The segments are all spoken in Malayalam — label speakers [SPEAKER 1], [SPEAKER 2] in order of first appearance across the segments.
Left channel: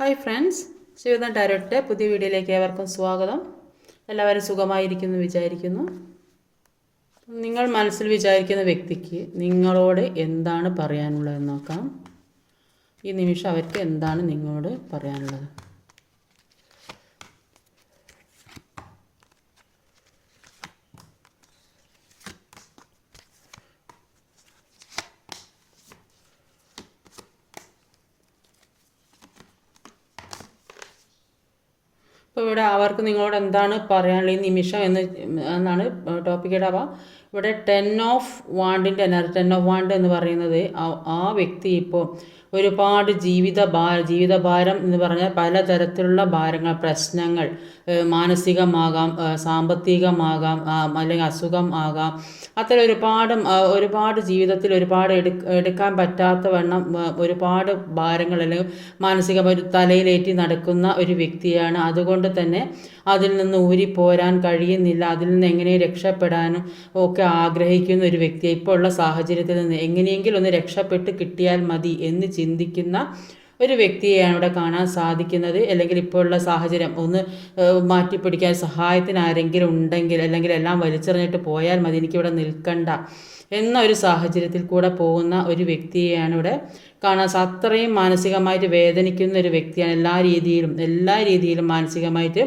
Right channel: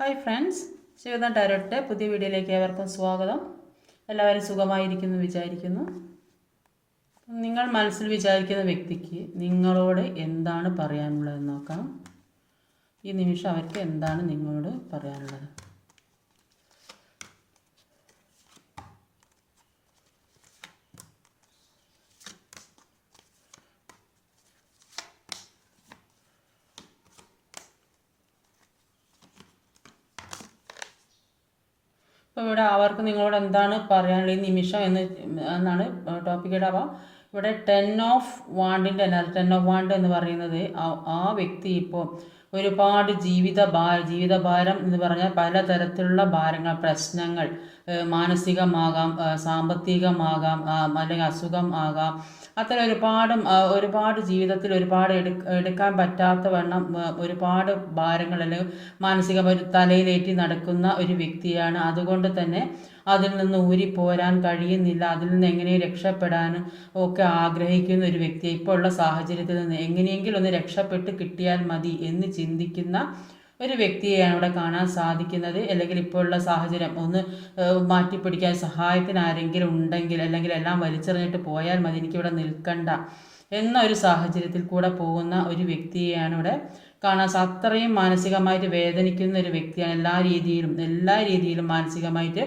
[SPEAKER 1] ഹായ് ഫ്രണ്ട്സ് ശിവന ടാരോട്ടെ പുതിയ വീഡിയോയിലേക്ക് ഏവർക്കും സ്വാഗതം. എല്ലാവരും സുഖമായിരിക്കുന്നു വിചാരിക്കുന്നു. നിങ്ങൾ മനസ്സിൽ വിചാരിക്കുന്ന വ്യക്തിക്ക് നിങ്ങളോട് എന്താണ് പറയാനുള്ളതെന്ന് നോക്കാം. ഈ നിമിഷം അവർക്ക് എന്താണ് നിങ്ങളോട് പറയാനുള്ളത്? ഇവിടെ അവർക്ക് നിങ്ങളോട് എന്താണ് പറയാനുള്ള ഈ നിമിഷം എന്ന് എന്നാണ് ടോപ്പിക് ഇടാവുക ഇവിടെ ടെൻ ഓഫ് വാണ്ടിന്റെ എനർജി ടെൻ ഓഫ് വാണ്ട് എന്ന് പറയുന്നത് ആ- വ്യക്തി ഇപ്പോൾ ഒരുപാട് ജീവിത ഭാര ജീവിതഭാരം എന്ന് പറഞ്ഞാൽ പലതരത്തിലുള്ള ഭാരങ്ങൾ പ്രശ്നങ്ങൾ മാനസികമാകാം സാമ്പത്തികമാകാം അല്ലെങ്കിൽ അസുഖം ആകാം. അത്തരം ഒരുപാട് ഒരുപാട് ജീവിതത്തിൽ ഒരുപാട് എടു എടുക്കാൻ പറ്റാത്ത വണ്ണം ഒരുപാട് ഭാരങ്ങൾ അല്ലെങ്കിൽ മാനസിക തലയിലേറ്റി നടക്കുന്ന ഒരു വ്യക്തിയാണ്. അതുകൊണ്ട് തന്നെ അതിൽ നിന്ന് ഊരി പോരാൻ കഴിയുന്നില്ല. അതിൽ നിന്ന് എങ്ങനെ രക്ഷപ്പെടാനും ഒക്കെ ആഗ്രഹിക്കുന്ന ഒരു വ്യക്തി ഇപ്പോൾ ഉള്ള സാഹചര്യത്തിൽ നിന്ന് എങ്ങനെയെങ്കിലും ഒന്ന് രക്ഷപ്പെട്ട് കിട്ടിയാൽ മതി എന്ന് ചിന്തിക്കുന്ന ഒരു വ്യക്തിയെയാണ് അവിടെ കാണാൻ സാധിക്കുന്നത്. അല്ലെങ്കിൽ ഇപ്പോഴുള്ള സാഹചര്യം ഒന്ന് മാറ്റിപ്പിടിക്കാൻ സഹായത്തിന് ആരെങ്കിലും ഉണ്ടെങ്കിൽ അല്ലെങ്കിൽ എല്ലാം വലിച്ചെറിഞ്ഞിട്ട് പോയാൽ മതി എനിക്കിവിടെ നിൽക്കണ്ട എന്ന ഒരു സാഹചര്യത്തിൽ കൂടെ പോകുന്ന ഒരു വ്യക്തിയെയാണ് ഇവിടെ കാണാൻ അത്രയും മാനസികമായിട്ട് വേദനിക്കുന്ന ഒരു വ്യക്തിയാണ്. എല്ലാ രീതിയിലും എല്ലാ രീതിയിലും മാനസികമായിട്ട്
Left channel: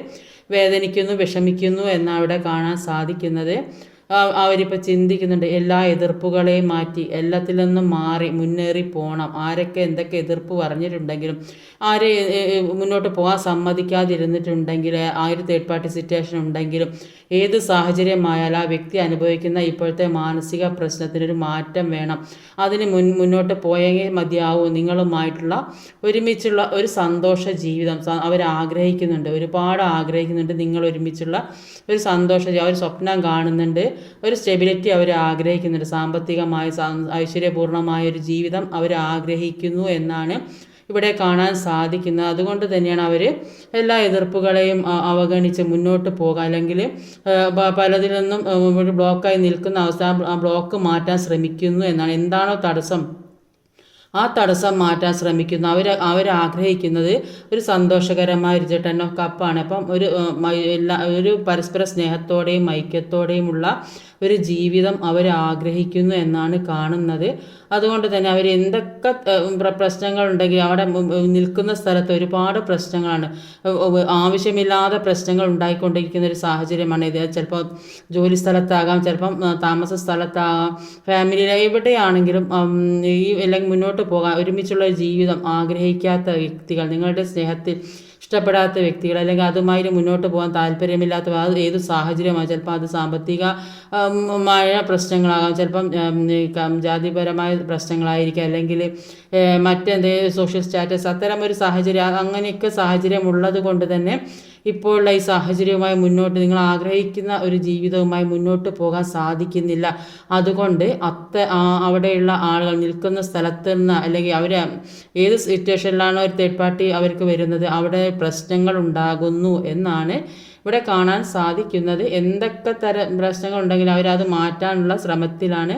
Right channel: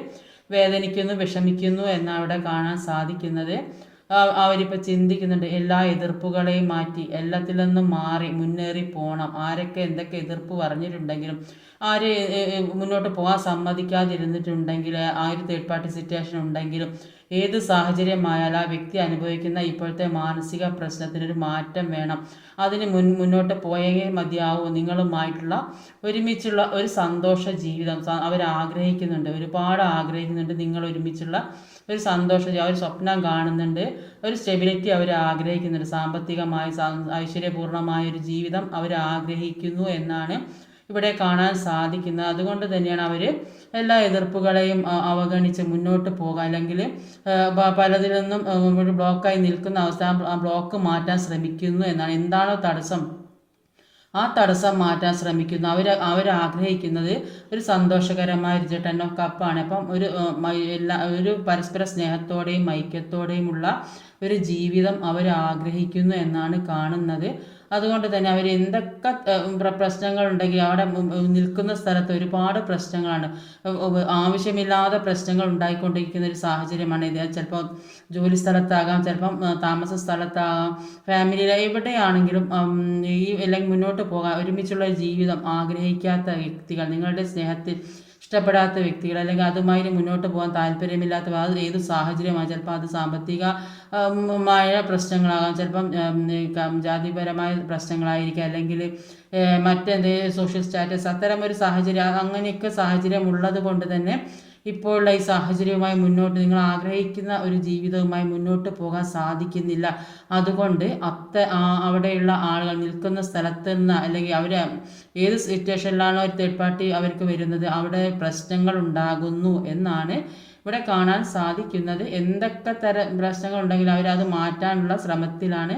[SPEAKER 1] വേദനിക്കുന്നു വിഷമിക്കുന്നു എന്നവിടെ കാണാൻ സാധിക്കുന്നത്. അവരിപ്പോൾ ചിന്തിക്കുന്നുണ്ട് എല്ലാ എതിർപ്പുകളെയും മാറ്റി എല്ലാത്തിൽ നിന്നും മാറി മുന്നേറി പോകണം ആരൊക്കെ എന്തൊക്കെ എതിർപ്പ് പറഞ്ഞിട്ടുണ്ടെങ്കിലും ആര് മുന്നോട്ട് പോകാൻ സമ്മതിക്കാതിരുന്നിട്ടുണ്ടെങ്കിൽ ആ ഒരു തേർഡ് പാർട്ടി സിറ്റുവേഷൻ ഉണ്ടെങ്കിലും ഏത് സാഹചര്യമായാലും ആ വ്യക്തി അനുഭവിക്കുന്ന ഇപ്പോഴത്തെ മാനസിക പ്രശ്നത്തിനൊരു മാറ്റം വേണം. അതിന് മുൻ മുന്നോട്ട് പോയേ മതിയാവൂ. നിങ്ങളുമായിട്ടുള്ള ഒരുമിച്ചുള്ള ഒരു സന്തോഷ ജീവിതം. അവർ ആഗ്രഹിക്കുന്നുണ്ട് ഒരുപാട് ആഗ്രഹിക്കുന്നുണ്ട്. നിങ്ങൾ ഒരുമിച്ചുള്ള ഒരു സന്തോഷ അവർ സ്വപ്നം കാണുന്നുണ്ട്. ഒരു സ്റ്റെബിലിറ്റി അവർ ആഗ്രഹിക്കുന്നുണ്ട്. സാമ്പത്തികമായ ഐശ്വര്യപൂർണമായ ഒരു ജീവിതം അവർ ആഗ്രഹിക്കുന്നു എന്നാണ് ഇവിടെ കാണാൻ സാധിക്കുന്നത്. അതുകൊണ്ട് തന്നെയാണ് അവർ എല്ലാ എതിർപ്പുകളെയും അവഗണിച്ച് മുന്നോട്ട് പോകുക അല്ലെങ്കിൽ പലതിൽ നിന്നും ഒരു ബ്ലോക്കായി നിൽക്കുന്ന ആ ബ്ലോക്ക് മാറ്റാൻ ശ്രമിക്കുന്നു എന്നാണ്. എന്താണോ തടസ്സം? ആ തടസ്സം മാറ്റാൻ ശ്രമിക്കുന്നു. അവർ ആഗ്രഹിക്കുന്നത് ഒരു സന്തോഷകരമായ ഒരു ടെൻ കപ്പാണ് അപ്പം ഒരു എല്ലാ ഒരു പരസ്പര സ്നേഹത്തോടെയും ഐക്യത്തോടെയുമുള്ള ഒരു ജീവിതം അവർ ആഗ്രഹിക്കുന്നു എന്നാണ് കാണുന്നത്. അതുകൊണ്ട് തന്നെ അവർ എന്തൊക്കെ പ്രശ്നങ്ങൾ ഉണ്ടെങ്കിൽ അവിടെ നിൽക്കുന്ന സ്ഥലത്ത് ഒരുപാട് പ്രശ്നങ്ങളാണ്. ആവശ്യമില്ലാതെ പ്രശ്നങ്ങൾ ഉണ്ടായിക്കൊണ്ടിരിക്കുന്ന ഒരു സാഹചര്യമാണ് ഇത്. ചിലപ്പോൾ ജോലി സ്ഥലത്താകാം ചിലപ്പം താമസ സ്ഥലത്താകാം. ഫാമിലി എവിടെയാണെങ്കിലും ഈ അല്ലെങ്കിൽ മുന്നോട്ട് പോകാൻ ഒരുമിച്ചുള്ള ജീവിതം ആഗ്രഹിക്കാത്ത വ്യക്തികൾ നിങ്ങളുടെ സ്നേഹത്തിൽ ഇഷ്ടപ്പെടാത്ത വ്യക്തികൾ അല്ലെങ്കിൽ അതുമായി മുന്നോട്ട് പോകാൻ താല്പര്യമില്ലാത്ത അത് ഏത് സാഹചര്യമാണ് ചിലപ്പോൾ അത് സാമ്പത്തികമായ പ്രശ്നങ്ങളാകാം. ചിലപ്പം ജാതിപരമായ പ്രശ്നങ്ങളായിരിക്കാം. അല്ലെങ്കിൽ മറ്റെന്തെങ്കിലും സോഷ്യൽ സ്റ്റാറ്റസ് അത്തരം ഒരു സാഹചര്യം അങ്ങനെയൊക്കെ സാഹചര്യം ഉള്ളത് കൊണ്ട് തന്നെ ഇപ്പോഴുള്ള ഈ സാഹചര്യവുമായി മുന്നോട്ട് നിങ്ങൾ ആഗ്രഹിക്കുന്ന ഒരു ജീവിതവുമായി മുന്നോട്ട് പോകാൻ സാധിക്കുന്നില്ല. അതുകൊണ്ട് അത്ത അവിടെയുള്ള ആളുകൾ നിൽക്കുന്ന സ്ഥലത്ത് നിന്ന് അല്ലെങ്കിൽ അവർ ഏത് സിറ്റുവേഷനിലാണ് ഒരു തേർഡ് പാർട്ടി അവർക്ക് വരുന്നത് അവിടെ പ്രശ്നങ്ങൾ ഉണ്ടാകുന്നു എന്നാണ് ഇവിടെ കാണാൻ സാധിക്കുന്നത്. എന്തൊക്കെ തരം പ്രശ്നങ്ങൾ ഉണ്ടെങ്കിലും അവരത് മാറ്റാനുള്ള ശ്രമത്തിലാണ്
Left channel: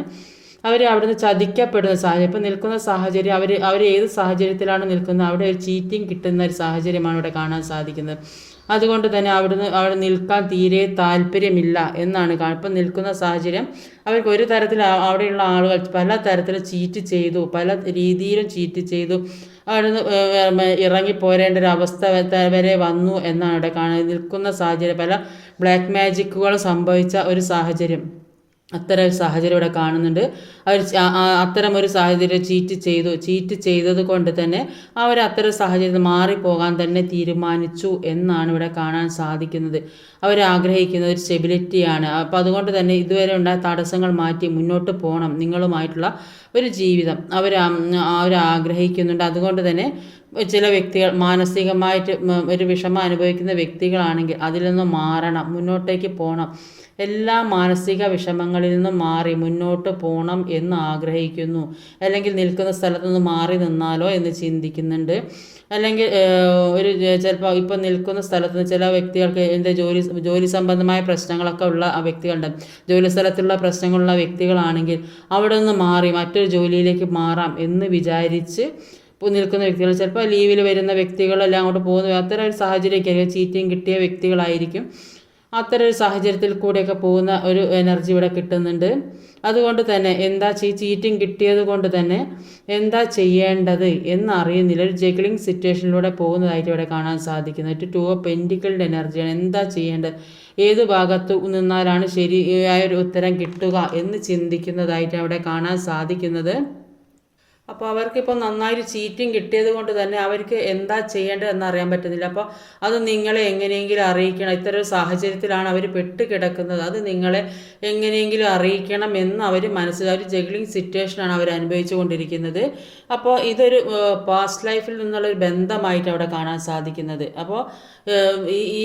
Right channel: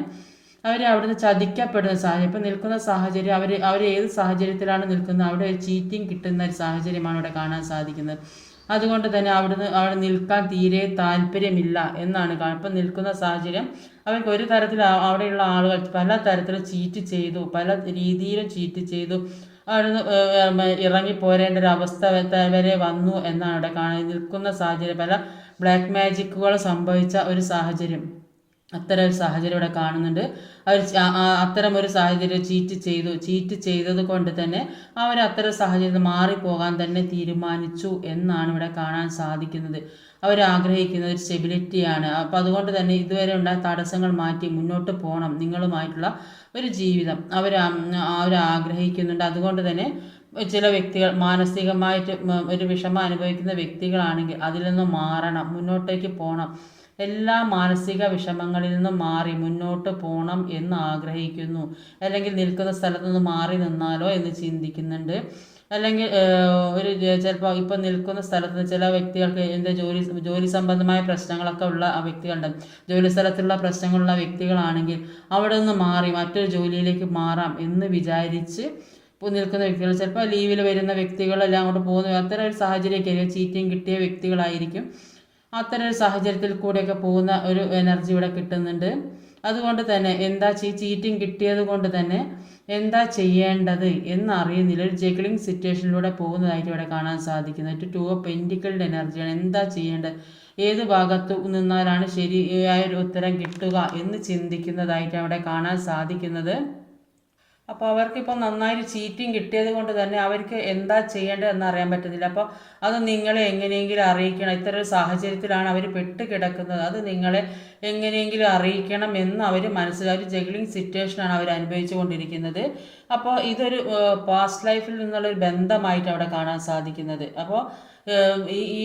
[SPEAKER 1] അവർ അവിടുന്ന് ചതിക്കപ്പെടുന്ന സാഹചര്യം. ഇപ്പം നിൽക്കുന്ന സാഹചര്യം അവർ അവർ ഏത് സാഹചര്യത്തിലാണ് നിൽക്കുന്നത് അവിടെ ഒരു ചീറ്റിംഗ് കിട്ടുന്ന ഒരു സാഹചര്യമാണ് ഇവിടെ കാണാൻ സാധിക്കുന്നത്. അതുകൊണ്ട് തന്നെ അവിടുന്ന് അവിടെ നിൽക്കാൻ തീരെ താല്പര്യമില്ല എന്നാണ് ഇപ്പം നിൽക്കുന്ന സാഹചര്യം അവർക്ക് ഒരു തരത്തിൽ അവിടെയുള്ള ആളുകൾ പല തരത്തിൽ ചീറ്റ് ചെയ്തു പല രീതിയിലും ചീറ്റ് ചെയ്തു. അവിടുന്ന് ഇറങ്ങി പോരേണ്ട ഒരു അവസ്ഥ വരെ വന്നു എന്നാണ് ഇവിടെ കാണുന്നത്. നിൽക്കുന്ന സാഹചര്യം പല ബ്ലാക്ക് മാജിക്കുകൾ സംഭവിച്ച ഒരു സാഹചര്യം. അത്തരം സാഹചര്യം ഇവിടെ കാണുന്നുണ്ട്. അവർ അത്തരം ഒരു സാഹചര്യം ചീറ്റ് ചെയ്തു ചീറ്റ് ചെയ്തത് കൊണ്ട് തന്നെ അവർ അത്തരം സാഹചര്യത്തിൽ മാറിപ്പോകാൻ തന്നെ തീരുമാനിച്ചു എന്നാണ് ഇവിടെ കാണാൻ സാധിക്കുന്നത്. അവർ ആഗ്രഹിക്കുന്ന ഒരു സ്റ്റെബിലിറ്റിയാണ് അപ്പോൾ അതുകൊണ്ട് തന്നെ ഇതുവരെ ഉണ്ടായ തടസ്സങ്ങൾ മാറ്റി മുന്നോട്ട് പോകണം നിങ്ങളുമായിട്ടുള്ള ഒരു ജീവിതം. അവർ അവർ ആഗ്രഹിക്കുന്നുണ്ട്. അതുകൊണ്ട് തന്നെ ചില വ്യക്തികൾ മാനസികമായിട്ട് ഒരു വിഷമം അനുഭവിക്കുന്ന വ്യക്തികളാണെങ്കിൽ അതിൽ നിന്ന് മാറണം മുന്നോട്ടേക്ക് പോകണം എല്ലാ മാനസിക വിഷമങ്ങളിൽ നിന്നും മാറി മുന്നോട്ട് പോകണം എന്ന് ആഗ്രഹിക്കുന്നു. അല്ലെങ്കിൽ നിൽക്കുന്ന സ്ഥലത്തു നിന്ന് മാറി നിന്നാലോ എന്ന് ചിന്തിക്കുന്നുണ്ട്. അല്ലെങ്കിൽ ഒരു ചിലപ്പോൾ ഇപ്പം നിൽക്കുന്ന സ്ഥലത്ത് ചില വ്യക്തികൾക്ക് എന്റെ ജോലി ജോലി സംബന്ധമായ പ്രശ്നങ്ങളൊക്കെ ഉള്ള ആ വ്യക്തികളുണ്ട്. ജോലി സ്ഥലത്തുള്ള പ്രശ്നങ്ങളുള്ള വ്യക്തികളാണെങ്കിൽ അവിടെ നിന്ന് മാറി മറ്റൊരു ജോലിയിലേക്ക് മാറാം എന്ന് വിചാരിച്ച് നിൽക്കുന്ന വ്യക്തികൾ ചിലപ്പോൾ ലീവിൽ വരുന്ന വ്യക്തികളെല്ലാം അങ്ങോട്ട് പോകുന്ന അത്തരം ഒരു സാഹചര്യമൊക്കെ ചീറ്റിങ് കിട്ടിയ വ്യക്തികളായിരിക്കും. അത്തരം ഒരു സാഹചര്യത്തിൽ കൂടെയൊക്കെ പോകുന്ന ഒരു എനർജി ഇവിടെ കിട്ടുന്നുണ്ട്. അതുകൊണ്ട് തന്നെ എന്താ ഈ ചീറ്റിങ് കിട്ടിയത് കൊണ്ട് തന്നെ എന്താ ചെയ്യേണ്ടത് എന്നറിയുന്നില്ല. ഒരു ജഗ്ലിംഗ് സിറ്റുവേഷനിലൂടെ പോകുന്നതായിട്ട് ഇവിടെ കാണാൻ സാധിക്കുന്നത് ടു ഓഫ് പെന്റിക്കളുടെ എനർജിയാണ് എന്താ ചെയ്യേണ്ടത്? ഏത് ഭാഗത്ത് നിന്നാലാണ് ശരിയായ ഒരു ഉത്തരം കിട്ടുക എന്ന് ചിന്തിക്കുന്നതായിട്ട് അവിടെ കാണാൻ സാധിക്കുന്നത്. അപ്പോൾ അവർക്കിപ്പോൾ നന്നായിട്ട് ചീറ്റിംഗ് കിട്ടിയത് കൊണ്ട് തന്നെ അവർക്ക് എന്താ ചെയ്യേണ്ടതെന്ന് അറിയാൻ പറ്റുന്നില്ല അപ്പോൾ അത് നിങ്ങളെ എങ്ങനെയെങ്കിലും അറിയിക്കണം. ഇത്തരം ഒരു സാഹചര്യത്തിലാണ് അവർ പെട്ട് കിടക്കുന്നത് അത് നിങ്ങളെ എങ്ങനെയെങ്കിലും അറിയിക്കണം എന്ന് അവർ മനസ്സിലാക്കി ജഗ്ലിംഗ് സിറ്റുവേഷനാണ് അവർ അനുഭവിച്ചു കൊണ്ടിരിക്കുന്നത്. അപ്പോൾ ഇതൊരു പാസ്റ്റ് ലൈഫിൽ നിന്നുള്ളൊരു ബന്ധമായിട്ട് അവിടെ കാണാൻ സാധിക്കുന്നത്. അപ്പോൾ ഈ ഈ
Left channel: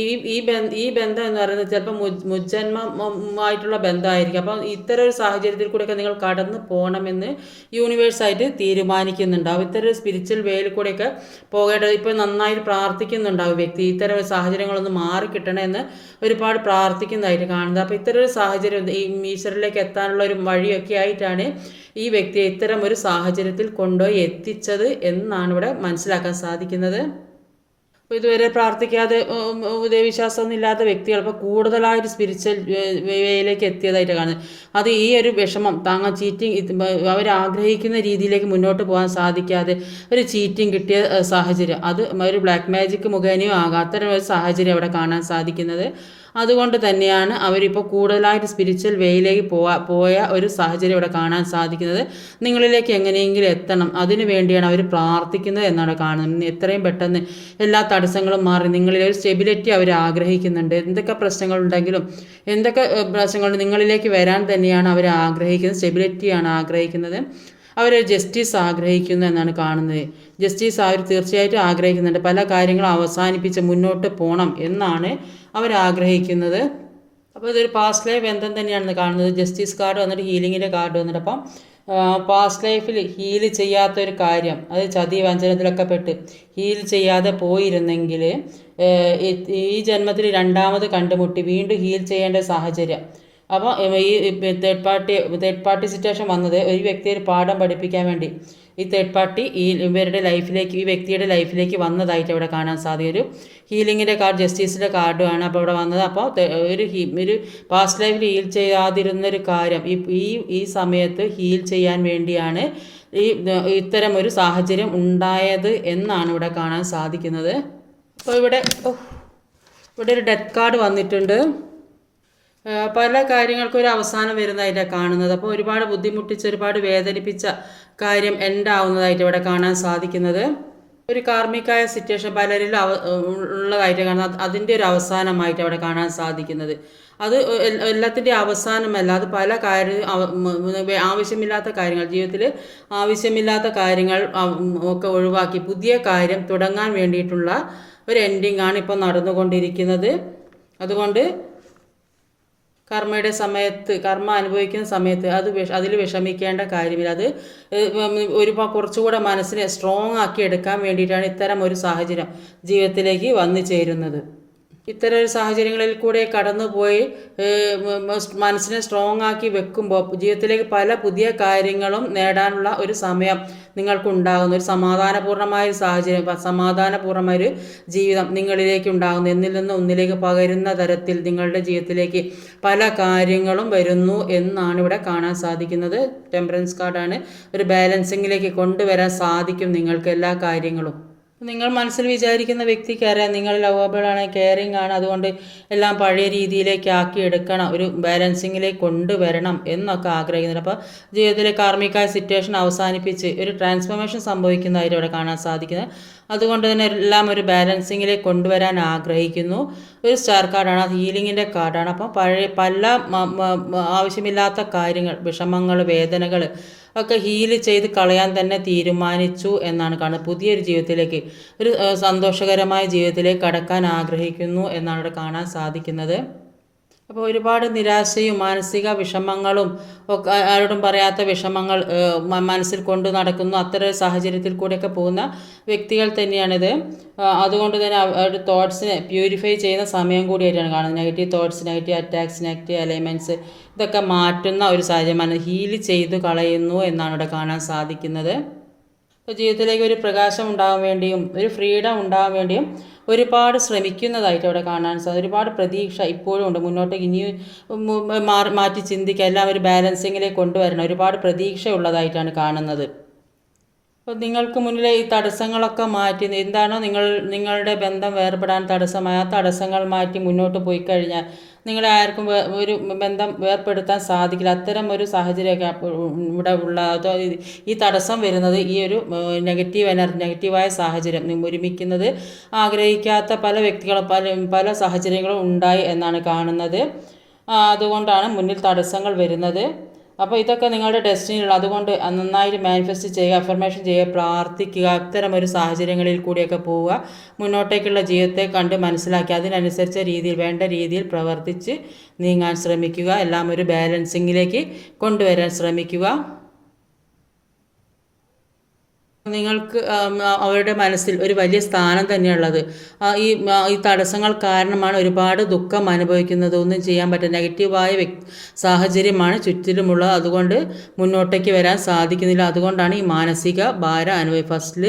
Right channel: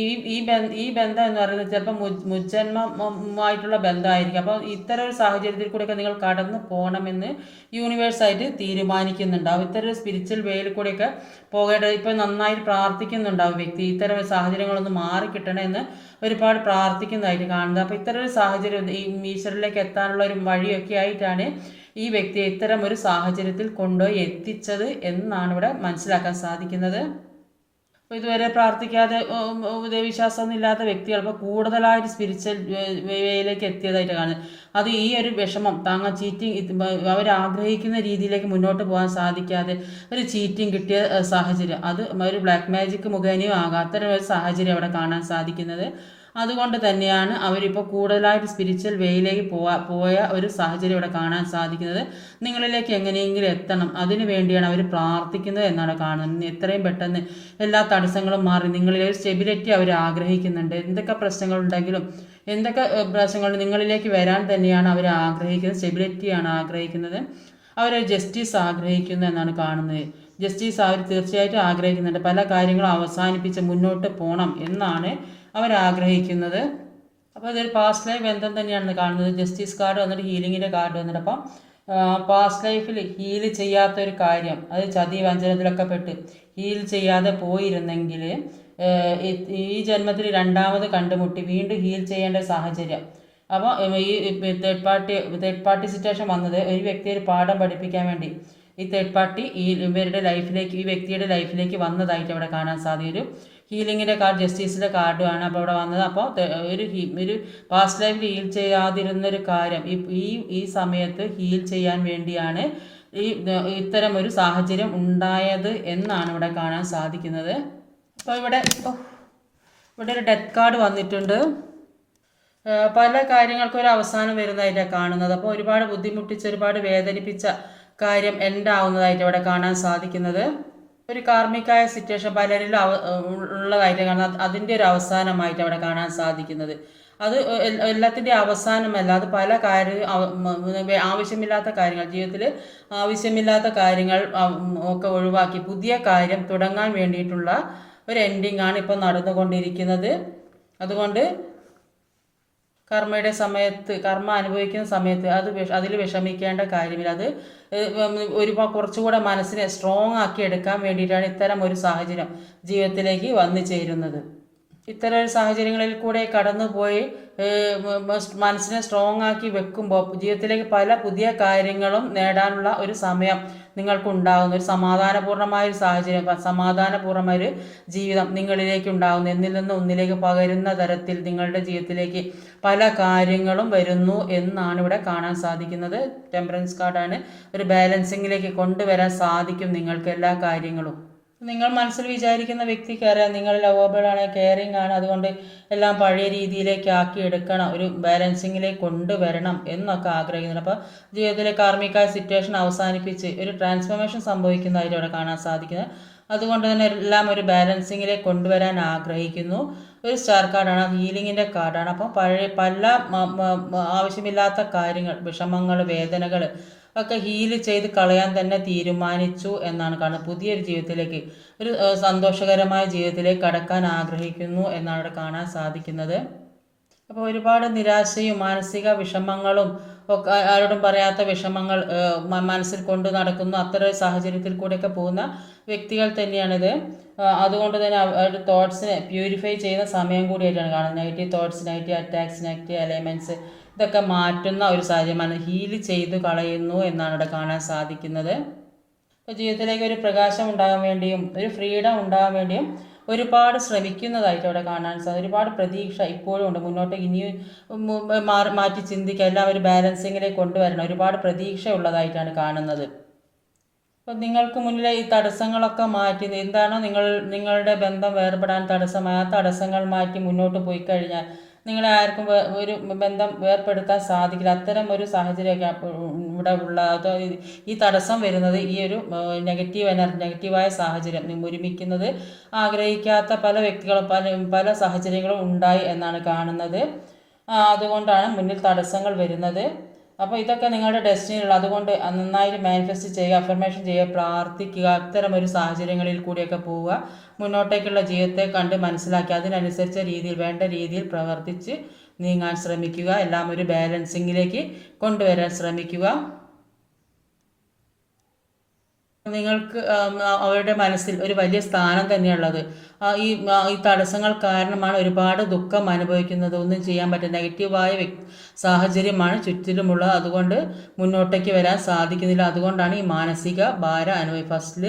[SPEAKER 1] ഈ ബന്ധം എന്ന് പറയുന്നത് ചിലപ്പോൾ മുജ്ജന്മമായിട്ടുള്ള ബന്ധമായിരിക്കും. അപ്പോൾ ഇത്തരം ഒരു സാഹചര്യത്തിൽ കൂടെയൊക്കെ നിങ്ങൾ കടന്നു പോകണമെന്ന് യൂണിവേഴ്സായിട്ട് തീരുമാനിക്കുന്നുണ്ടാവും ഇത്തരം ഒരു സ്പിരിച്വൽ വേയിൽ കൂടെയൊക്കെ പോകേണ്ടത് ഇപ്പോൾ നന്നായിട്ട് പ്രാർത്ഥിക്കുന്നുണ്ടാവും വ്യക്തി. ഇത്തരം ഒരു സാഹചര്യങ്ങളൊന്ന് മാറിക്കിട്ടണമെന്ന് ഒരുപാട് പ്രാർത്ഥിക്കുന്നതായിട്ട് കാണുന്നത്. അപ്പോൾ ഇത്തരം ഒരു സാഹചര്യം ഈ ഈശ്വരിലേക്ക് എത്താനുള്ള ഒരു വഴിയൊക്കെ ആയിട്ടാണ് ഈ വ്യക്തിയെ ഇത്തരം ഒരു സാഹചര്യത്തിൽ കൊണ്ടുപോയി എത്തിച്ചത് എന്നാണ് ഇവിടെ മനസ്സിലാക്കാൻ സാധിക്കുന്നത്. ഇതുവരെ പ്രാർത്ഥിക്കാതെ ദൈവവിശ്വാസമൊന്നും ഇല്ലാത്ത വ്യക്തികൾ ഇപ്പോൾ കൂടുതലായൊരു സ്പിരിച്വൽ വേയിലേക്ക് എത്തിയതായിട്ട് കാണുന്നത് അത് ഈ ഒരു വിഷമം താങ്ങ ചീറ്റിംഗ് അവർ ആഗ്രഹിക്കുന്ന രീതിയിലേക്ക് മുന്നോട്ട് പോകാൻ സാധിക്കാതെ ഒരു ചീറ്റിംഗ് കിട്ടിയ സാഹചര്യം. അത് ഒരു ബ്ലാക്ക് മാജിക് മുഖേനയോ ആകാത്ത ഒരു സാഹചര്യം അവിടെ കാണാൻ സാധിക്കുന്നത്. അതുകൊണ്ട് തന്നെയാണ് അവരിപ്പോൾ കൂടുതലായിട്ട് സ്പിരിച്വൽ വേയിലേക്ക് പോവാ പോയ ഒരു സാഹചര്യം ഇവിടെ കാണാൻ സാധിക്കുന്നത്. നിങ്ങളിലേക്ക് എങ്ങനെയെങ്കിലും എത്തണം. അതിനു വേണ്ടിയാണ് അവർ പ്രാർത്ഥിക്കുന്നത് എന്നാണ് കാണുന്നത്. എത്രയും പെട്ടെന്ന് എല്ലാ തടസ്സങ്ങളും മാറി നിങ്ങളിലെ ഒരു സ്റ്റെബിലിറ്റി അവർ ആഗ്രഹിക്കുന്നുണ്ട്. എന്തൊക്കെ പ്രശ്നങ്ങളുണ്ടെങ്കിലും എന്തൊക്കെ പ്രശ്നങ്ങളുണ്ട് നിങ്ങളിലേക്ക് വരാൻ തന്നെയാണ് അവർ ആഗ്രഹിക്കുന്നത് സ്റ്റെബിലിറ്റിയാണ് ആഗ്രഹിക്കുന്നത്. അവർ ജസ്റ്റിസ് ആഗ്രഹിക്കുന്നു എന്നാണ് കാണുന്നത്. ജസ്റ്റിസ് അവർ തീർച്ചയായിട്ടും ആഗ്രഹിക്കുന്നുണ്ട്. പല കാര്യങ്ങളും അവസാനിപ്പിച്ച് മുന്നോട്ട് പോകണം എന്നാണ് അവർ ആഗ്രഹിക്കുന്നത്. അപ്പോൾ ഇതൊരു പാസ്റ്റ് ലൈഫ് ബന്ധം തന്നെയാണ് കാണുന്നത്. ജസ്റ്റിസ് കാർഡ് വന്നിട്ട് ഹീലിങ്ങിന്റെ കാർഡ് വന്നിട്ട് അപ്പം പാസ്റ്റ് ലൈഫിൽ ഹീൽ ചെയ്യാത്ത ഒരു കാര്യം അത് ചതി വഞ്ചനത്തിലൊക്കെ പെട്ട് ഹീൽ ചെയ്യാതെ പോയിരുന്നെങ്കിൽ ഈ ജന്മത്തിൽ രണ്ടാമത് കണ്ടുമുട്ടി വീണ്ടും ഹീൽ ചെയ്യേണ്ട സാഹചര്യം. അപ്പോൾ ഈ third party third party situation വന്നത് ഒരു വ്യക്തിയെ ഒരു പാഠം പഠിപ്പിക്കാൻ വേണ്ടി. ഈ തേർഡ് പാർട്ടി ഈ ഇവരുടെ ലൈഫിലേക്ക് ഈ വ്യക്തിയുടെ ലൈഫിലേക്ക് വന്നതായിട്ട് അവിടെ കാണാൻ സാധിക്കും. ഒരു ഹീലിങ്ങിന്റെ കാർഡ് ജസ്റ്റിസിന്റെ കാർഡുമാണ് അപ്പോൾ അവിടെ വന്നത്. അപ്പോൾ ഒരു ഹീ ഒരു പാസ്റ്റ് ലൈഫിൽ ഹീൽ ചെയ്യാതിരുന്നൊരു കാര്യം ഈ ഈ ഈ സമയത്ത് ഹീൽ ചെയ്യാൻ വേണ്ടിയാണ് ഈ ഇത്തരം ഒരു സാഹചര്യം ഉണ്ടായത് എന്നാണ് ഇവിടെ കാണാൻ സാധിക്കുന്നത്. അപ്പോൾ ഇവിടെ ഇവിടെ ഒരു ഡെത്ത് കാർഡ് വന്നിട്ടുണ്ട്. പല കാര്യങ്ങൾക്കും ഒരു അവസാനം വരുന്നതായിട്ട് കാണുന്നത്. അപ്പോൾ ഒരുപാട് ബുദ്ധിമുട്ടിച്ച് ഒരുപാട് വേദനിപ്പിച്ച കാര്യം എൻഡാവുന്നതായിട്ട് ഇവിടെ കാണാൻ സാധിക്കുന്നത്. ഒരു കാർമ്മികമായ സിറ്റുവേഷൻ പലരിലും അവ ഉള്ളതായിട്ട് കാണുന്നത് അതിന്റെ ഒരു അവസാനമായിട്ട് അവിടെ കാണാൻ സാധിക്കുന്നത്. അത് എല്ലാത്തിന്റെ അവസാനമല്ല. അത് പല കാര്യം ആവശ്യമില്ലാത്ത കാര്യങ്ങൾ ജീവിതത്തിൽ ആവശ്യമില്ലാത്ത കാര്യങ്ങൾ ഒക്കെ ഒഴിവാക്കി പുതിയ കാര്യം തുടങ്ങാൻ വേണ്ടിയിട്ടുള്ള ഒരു എൻഡിങ് ആണ് ഇപ്പോൾ നടന്നുകൊണ്ടിരിക്കുന്നത്. അതുകൊണ്ട് കർമ്മയുടെ സമയത്ത് കർമ്മ അനുഭവിക്കുന്ന സമയത്ത് അത് വിഷ അതിൽ വിഷമിക്കേണ്ട കാര്യമില്ല. അത് ഒരു കുറച്ചുകൂടെ മനസ്സിനെ സ്ട്രോങ് ആക്കി എടുക്കാൻ വേണ്ടിയിട്ടാണ് ഇത്തരം ഒരു സാഹചര്യം ജീവിതത്തിലേക്ക് വന്നു ചേരുന്നത്. ഇത്തരം ഒരു സാഹചര്യങ്ങളിൽ കൂടെ കടന്നുപോയി മനസ്സിനെ സ്ട്രോങ് ആക്കി വെക്കുമ്പോൾ ജീവിതത്തിലേക്ക് പല പുതിയ കാര്യങ്ങളും നേടാനുള്ള ഒരു സമയം നിങ്ങൾക്കുണ്ടാകുന്നു. ഒരു സമാധാനപൂർണമായ ഒരു സാഹചര്യം സമാധാനപൂർണമായ ഒരു ജീവിതം നിങ്ങളിലേക്ക് ഉണ്ടാകുന്നു. എന്നിൽ നിന്ന് ഒന്നിലേക്ക് പകരുന്ന തരത്തിൽ നിങ്ങളുടെ ജീവിതത്തിലേക്ക് പല കാര്യങ്ങളും വരുന്നു എന്നാണ് ഇവിടെ കാണാൻ സാധിക്കുന്നത്. ടെമ്പറൻസ് കാർഡാണ് ഒരു ബാലൻസിങ്ങിലേക്ക് കൊണ്ടുവരാൻ സാധിക്കും നിങ്ങൾക്ക് എല്ലാ കാര്യങ്ങളും. നിങ്ങൾ മനസ്സിൽ വിചാരിക്കുന്ന വ്യക്തിക്കറിയാം നിങ്ങൾ ലവബിളാണ് കെയറിങ് ആണ് അതുകൊണ്ട് എല്ലാം പഴയ രീതിയിലേക്ക് ആക്കി എടുക്കണം ഒരു ബാലൻസിങ്ങിലേക്ക് കൊണ്ടുവരണം എന്നൊക്കെ ആഗ്രഹിക്കുന്നുണ്ട്. അപ്പോൾ ജീവിതത്തിലെ കാർമ്മികമായ സിറ്റുവേഷൻ അവസാനിപ്പിച്ച് ഒരു ട്രാൻസ്ഫോർമേഷൻ സംഭവിക്കുന്നതായിട്ട് അവിടെ കാണാൻ സാധിക്കുന്നത്. അതുകൊണ്ട് തന്നെ എല്ലാം ഒരു ബാലൻസിങ്ങിലേക്ക് കൊണ്ടുവരാൻ ആഗ്രഹിക്കുന്നു. ഒരു സ്റ്റാർ കാർഡാണ് ഹീലിങ്ങിന്റെ കാർഡാണ് അപ്പോൾ പഴയ പല ആവശ്യമില്ലാത്ത കാര്യങ്ങൾ വിഷമങ്ങൾ വേദനകൾ ഒക്കെ ഹീൽ ചെയ്ത് കളയാൻ തന്നെ തീരുമാനിച്ചു എന്നാണ് കാണുന്നത്. പുതിയൊരു ജീവിതത്തിലേക്ക് ഒരു സന്തോഷകരമായ ജീവിതത്തിലേക്ക് കടക്കാൻ ആഗ്രഹിക്കുന്നു എന്നാണ് ഇവിടെ കാണാൻ സാധിക്കുന്നത്. അപ്പോൾ ഒരുപാട് നിരാശയും മാനസിക വിഷമങ്ങളും ഒക്കെ ആരോടും പറയാത്ത വിഷമങ്ങൾ മനസ്സിൽ കൊണ്ട് നടക്കുന്നു അത്തരം സാഹചര്യത്തിൽ കൂടെയൊക്കെ പോകുന്ന വ്യക്തികൾ തന്നെയാണിത്. അതുകൊണ്ട് തന്നെ അവരുടെ തോട്ട്സിനെ പ്യൂരിഫൈ ചെയ്യുന്ന സമയം കൂടിയായിട്ടാണ് കാണുന്നത്. Negative thoughts negative attacks negative alignments ഇതൊക്കെ മാറ്റുന്ന ഒരു സാഹചര്യമാണ്. ഹീൽ ചെയ്ത് കളയുന്നു എന്നാണ് ഇവിടെ കാണാൻ സാധിക്കുന്നത്. ഇപ്പോൾ ജീവിതത്തിലേക്ക് ഒരു പ്രകാശം ഉണ്ടാകാൻ വേണ്ടിയും ഒരു ഫ്രീഡം ഉണ്ടാകാൻ വേണ്ടിയും ഒരുപാട് ശ്രമിക്കുന്നതായിട്ട് അവിടെ കാണാൻ സാധിക്കും ഒരുപാട് പ്രതീക്ഷ ഇപ്പോഴും ഉണ്ട്. മുന്നോട്ടേക്ക് ഇനിയും മാറി മാറ്റി ചിന്തിക്കുക എല്ലാം ഒരു ബാലൻസിങ്ങിലേക്ക് കൊണ്ടുവരണം. ഒരുപാട് പ്രതീക്ഷ ഉള്ളതായിട്ടാണ് കാണുന്നത്. അപ്പോൾ നിങ്ങൾക്ക് മുന്നിലെ ഈ തടസ്സങ്ങളൊക്കെ മാറ്റി എന്താണോ നിങ്ങൾ നിങ്ങളുടെ ബന്ധം വേർപെടാൻ തടസ്സമായ? ആ തടസ്സങ്ങൾ മാറ്റി മുന്നോട്ട് പോയി കഴിഞ്ഞാൽ നിങ്ങളെ ആർക്കും ഒരു ബന്ധം വേർപ്പെടുത്താൻ സാധിക്കില്ല. അത്തരം ഒരു സാഹചര്യമൊക്കെ ഇവിടെ ഉള്ള അതോ ഈ- തടസ്സം വരുന്നത് ഈ ഒരു നെഗറ്റീവ് എനർജി നെഗറ്റീവായ സാഹചര്യം. ഒരുമിക്കുന്നത് ആഗ്രഹിക്കാത്ത പല വ്യക്തികളും പല പല സാഹചര്യങ്ങളും ഉണ്ടായി എന്നാണ് കാണുന്നത്. അതുകൊണ്ടാണ് മുന്നിൽ തടസ്സങ്ങൾ വരുന്നത്. അപ്പോൾ ഇതൊക്കെ നിങ്ങളുടെ ഡെസ്റ്റിനിയുള്ള അതുകൊണ്ട് നന്നായിട്ട് മാനിഫെസ്റ്റ് ചെയ്യുക അഫർമേഷൻ ചെയ്യുക പ്രാർത്ഥിക്കുക അത്തരം ഒരു സാഹചര്യങ്ങളിൽ കൂടിയൊക്കെ പോവുക. മുന്നോട്ടേക്കുള്ള ജീവിതത്തെ കണ്ട് മനസ്സിലാക്കി അതിനനുസരിച്ച രീതിയിൽ വേണ്ട രീതിയിൽ പ്രവർത്തിച്ച് നീങ്ങാൻ ശ്രമിക്കുക. എല്ലാം ഒരു ബാലൻസിങ്ങിലേക്ക് കൊണ്ടുവരാൻ ശ്രമിക്കുക. നിങ്ങൾക്ക് അവരുടെ മനസ്സിൽ ഒരു വലിയ സ്ഥാനം തന്നെയുള്ളത്. ഈ ഈ തടസ്സങ്ങൾ കാരണമാണ് ഒരുപാട് ദുഃഖം അനുഭവിക്കുന്നത്. ഒന്നും ചെയ്യാൻ പറ്റുന്ന നെഗറ്റീവായ സാഹചര്യമാണ് ചുറ്റിലുമുള്ളത് അതുകൊണ്ട് മുന്നോട്ടേക്ക് വരാൻ സാധിക്കുന്നില്ല. അതുകൊണ്ടാണ് ഈ മാനസിക ഭാരം അനുഭവി ഫസ്റ്റിൽ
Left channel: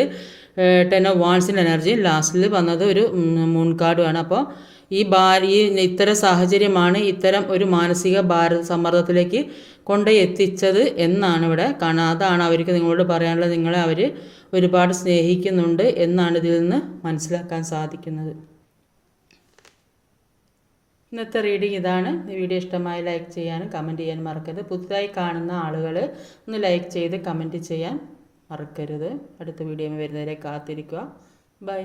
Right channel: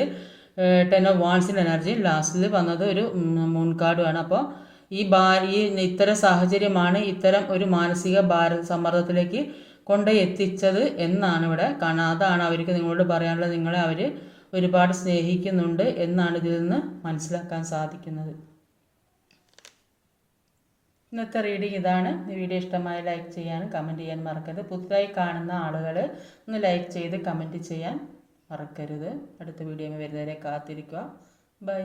[SPEAKER 1] ടെൻ ഓഫ് വാൺസിന്റെ എനർജി ലാസ്റ്റിൽ വന്നത് ഒരു മൂൺ അപ്പോൾ ഈ ഭാര ഈ ഇത്തരം സാഹചര്യമാണ് ഇത്തരം ഒരു മാനസിക ഭാര സമ്മർദ്ദത്തിലേക്ക് കൊണ്ടുപോയി എത്തിച്ചത് എന്നാണ് ഇവിടെ കാണാം അതാണ് അവർക്ക് നിങ്ങളോട് പറയാനുള്ളത്. നിങ്ങളെ അവർ ഒരുപാട് സ്നേഹിക്കുന്നുണ്ട് എന്നാണ് ഇതിൽ നിന്ന് മനസ്സിലാക്കാൻ സാധിക്കുന്നത്. ഇന്നത്തെ റീഡിങ് ഇതാണ്. വീഡിയോ ഇഷ്ടമായി ലൈക്ക് ചെയ്യാനും കമന്റ് ചെയ്യാൻ മറക്കരുത്. പുതുതായി കാണുന്ന ആളുകൾ ഒന്ന് ലൈക്ക് ചെയ്ത് കമന്റ് ചെയ്യാൻ മറക്കരുത്. അടുത്ത വീഡിയോ വരുന്നവരെ കാത്തിരിക്കുക. ബൈ.